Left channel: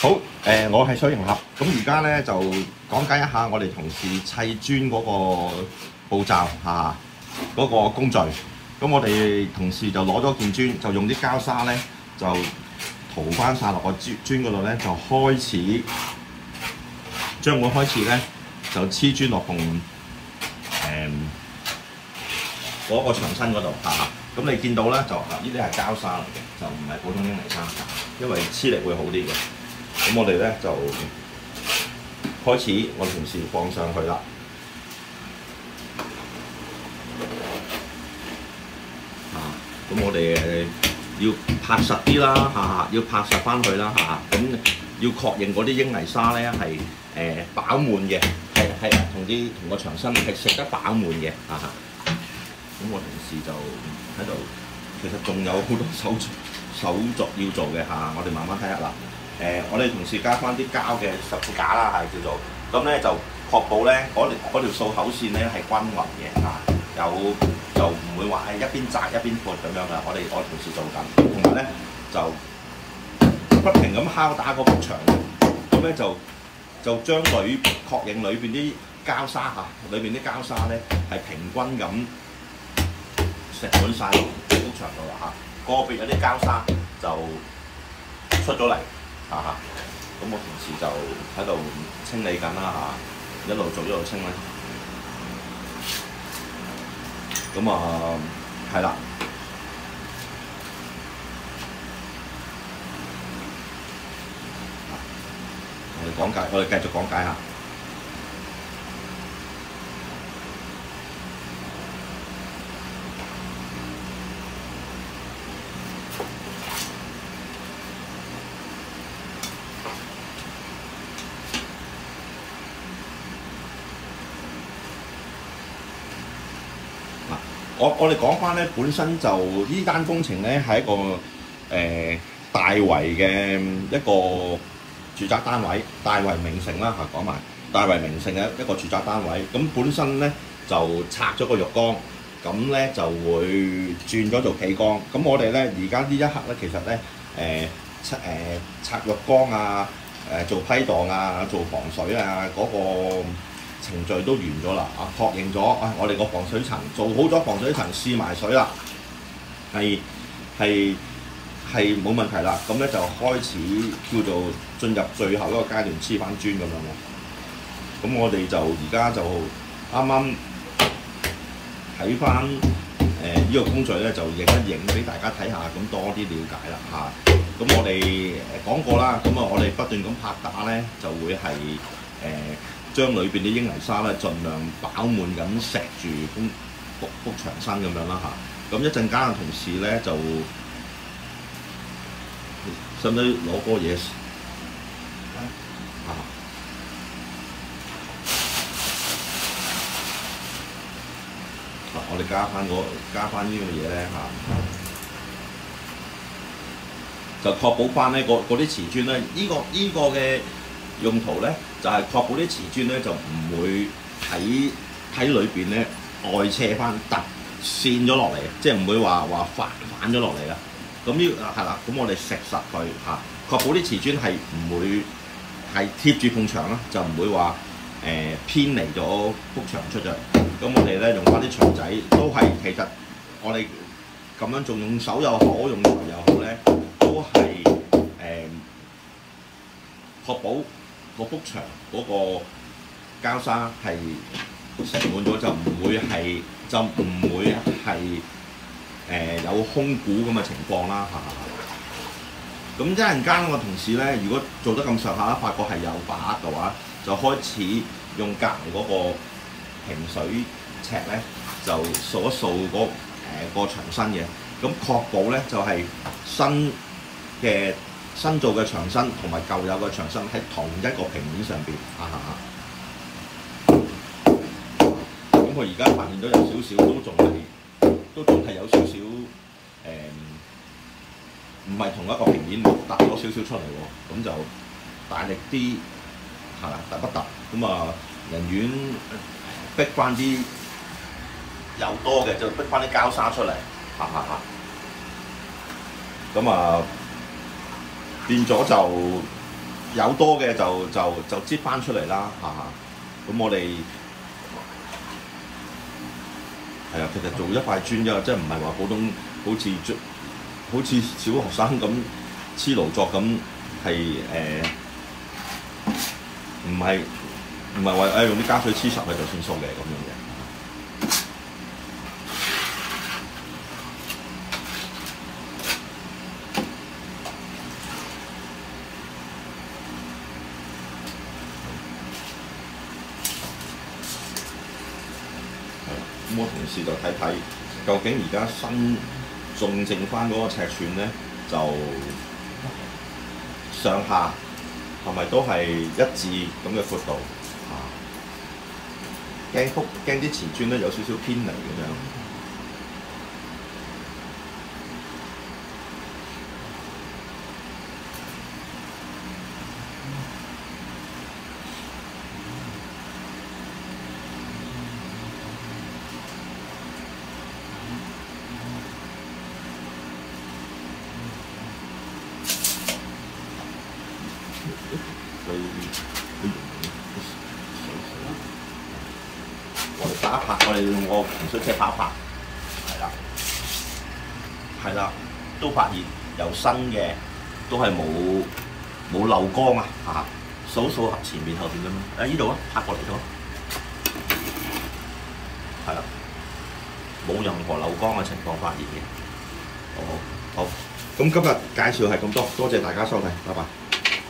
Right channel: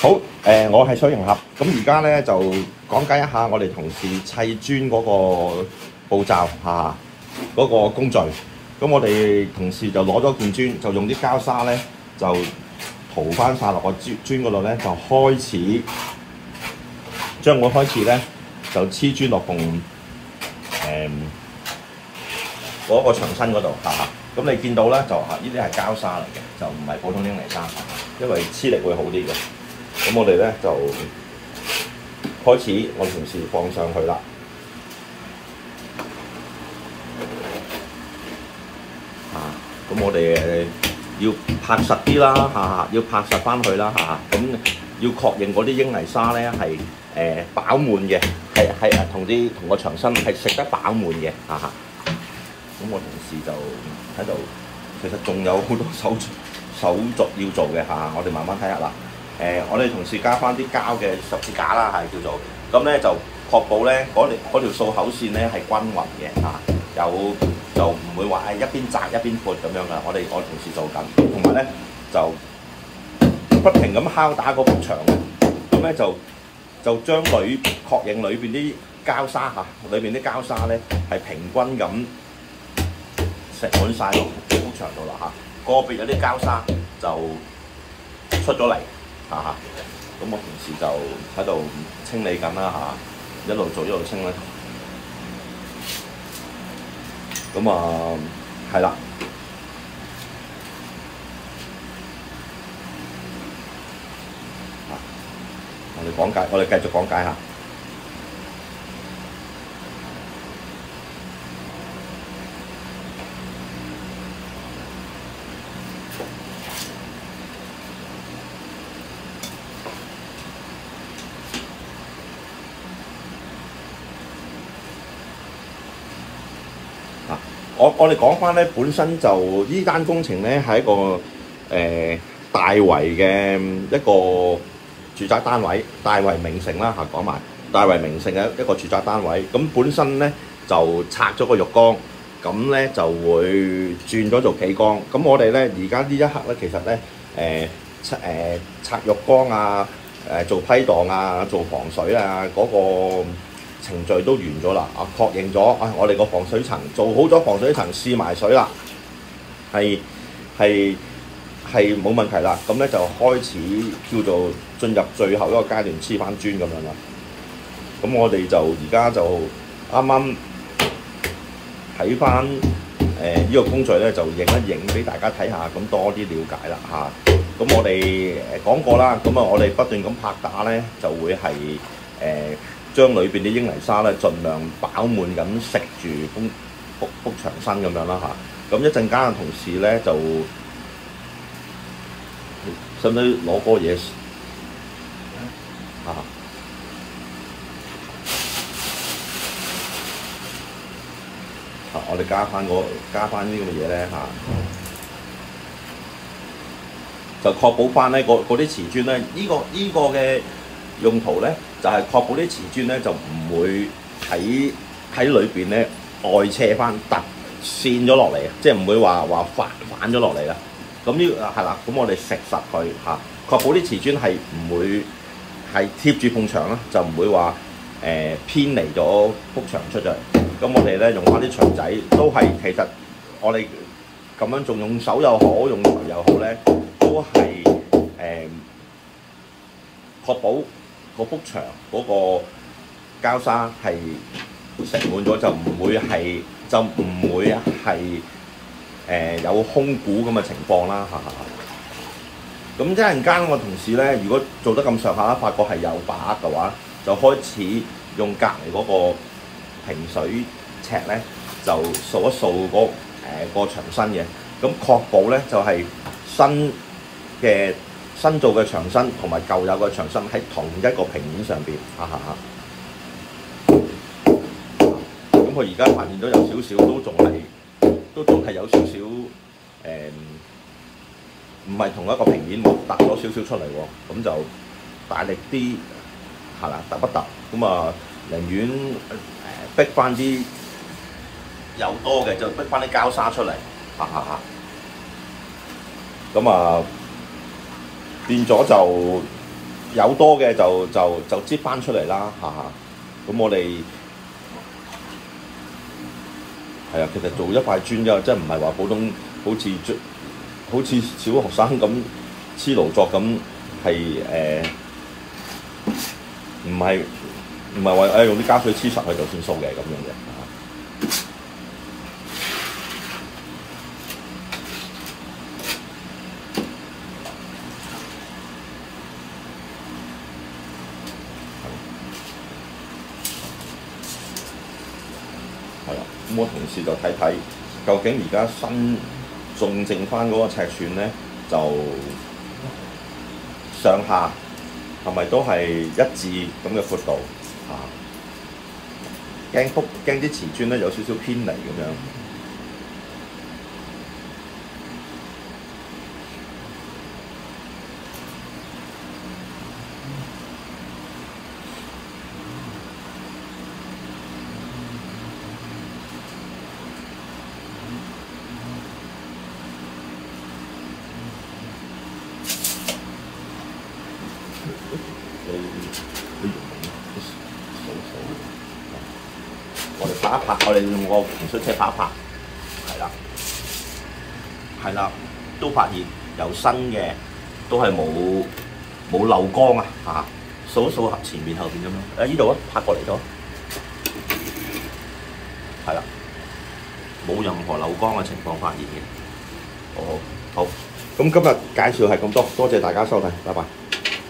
好，我係水盈俠，咁而家咧就講解一下我哋同事砌磚嗰個步驟嚇，嗰個工序。咁我哋同事就攞咗件磚，就用啲膠沙咧就塗翻晒落個磚嗰度咧，就開始將會開始咧就黐磚落縫嗰個牆身嗰度嚇。咁你見到咧就呢啲係膠沙嚟嘅，就唔係普通英泥沙，因為黐力會好啲嘅。咁我哋咧就開始，我同事放上去啦。咁我哋要拍實啲啦，要拍實翻佢啦，咁要確認嗰啲英泥沙咧係飽滿嘅，係同個牆身係食得飽滿嘅，咁我同事就喺度，其實仲有好多手續要做嘅我哋慢慢睇下啦。我哋同事加翻啲膠嘅十字架啦，叫做咁咧，就確保咧嗰條掃口線咧係均勻嘅就唔會話係一邊窄一邊闊咁樣嘅。我同事做緊，同埋咧就不停咁敲打嗰幅牆，咁咧就將確認裏邊啲膠沙裏邊啲膠沙咧係平均咁食滿晒落幅牆度啦個別嗰啲膠沙就出咗嚟。咁我同事就喺度清理緊啦，一路做一路清啦。咁係啦，我哋繼續講解下。我哋講翻咧，本身就呢單工程咧係一個大圍嘅一個住宅單位，大圍名城啦講埋大圍名城嘅一個住宅單位。咁本身咧就拆咗個浴缸，咁咧就會轉咗做企缸。咁我哋咧而家呢一刻咧，其實咧拆浴缸做批盪做防水嗰個程序都完咗啦，確認咗我哋個防水層做好咗，防水層試埋水啦，係冇問題啦。咁咧就開始叫做進入最後一個階段，黐翻磚咁樣啦。咁我哋就而家就啱啱睇翻呢個工序咧，就影一影俾大家睇下，咁多啲了解啦咁我哋講過啦，咁我哋不斷咁拍打咧，就會係將裏邊啲英泥沙咧，盡量飽滿咁食住幅牆身咁樣啦咁一陣間嘅同事咧就使唔使攞嗰個嘢我哋加翻呢啲咁嘅嘢咧就確保翻咧嗰啲瓷磚咧，呢個嘅用途咧就係確保啲瓷磚咧就唔會喺裏邊咧外斜翻突線咗落嚟，即係唔會話反咗落嚟啦。咁呢係啦，咁我哋食實佢確保啲瓷磚係唔會係貼住埲牆啦，就唔會話偏離咗幅牆出咗嚟。咁我哋咧用翻啲錘仔，都係其實我哋咁樣仲用手又好，用錘又好咧，都係確保嗰幅牆嗰個膠沙係食滿咗，就唔會係有空鼓咁嘅情況啦咁一陣間我同事咧，如果做得咁上下，發覺係有把握嘅話，就開始用隔離嗰個平水尺咧，就掃一掃個牆身嘅，咁確保咧就係新造嘅牆身同埋舊有嘅牆身喺同一個平面上邊咁佢而家發現到有少少都仲係有少少唔係同一個平面，突咗少少出嚟喎。咁就大力啲突不突咁寧願逼翻啲有多嘅就逼翻啲膠沙出嚟咁變咗就有多嘅就擠翻出嚟啦嚇。咁我哋係啊，其實做一塊磚啫，即係唔係話普通好似小學生咁黐勞作咁，係唔係話用啲膠水黐實佢就算數嘅咁樣嘅。咁我同事就睇睇究竟而家新仲剩翻嗰個尺寸咧，就上下係咪都係一致咁嘅闊度啊？驚啲瓷磚咧有少少偏離咁樣。我哋拍一拍，我哋用個紅色車拍一拍，係啦，都發現有新嘅，都係冇漏光啊！嚇，數下前面後邊咁，呢度啊，拍過嚟咗，係啦，冇任何漏光嘅情況發現嘅。好，咁今日介紹係咁多，多謝大家收睇，拜拜。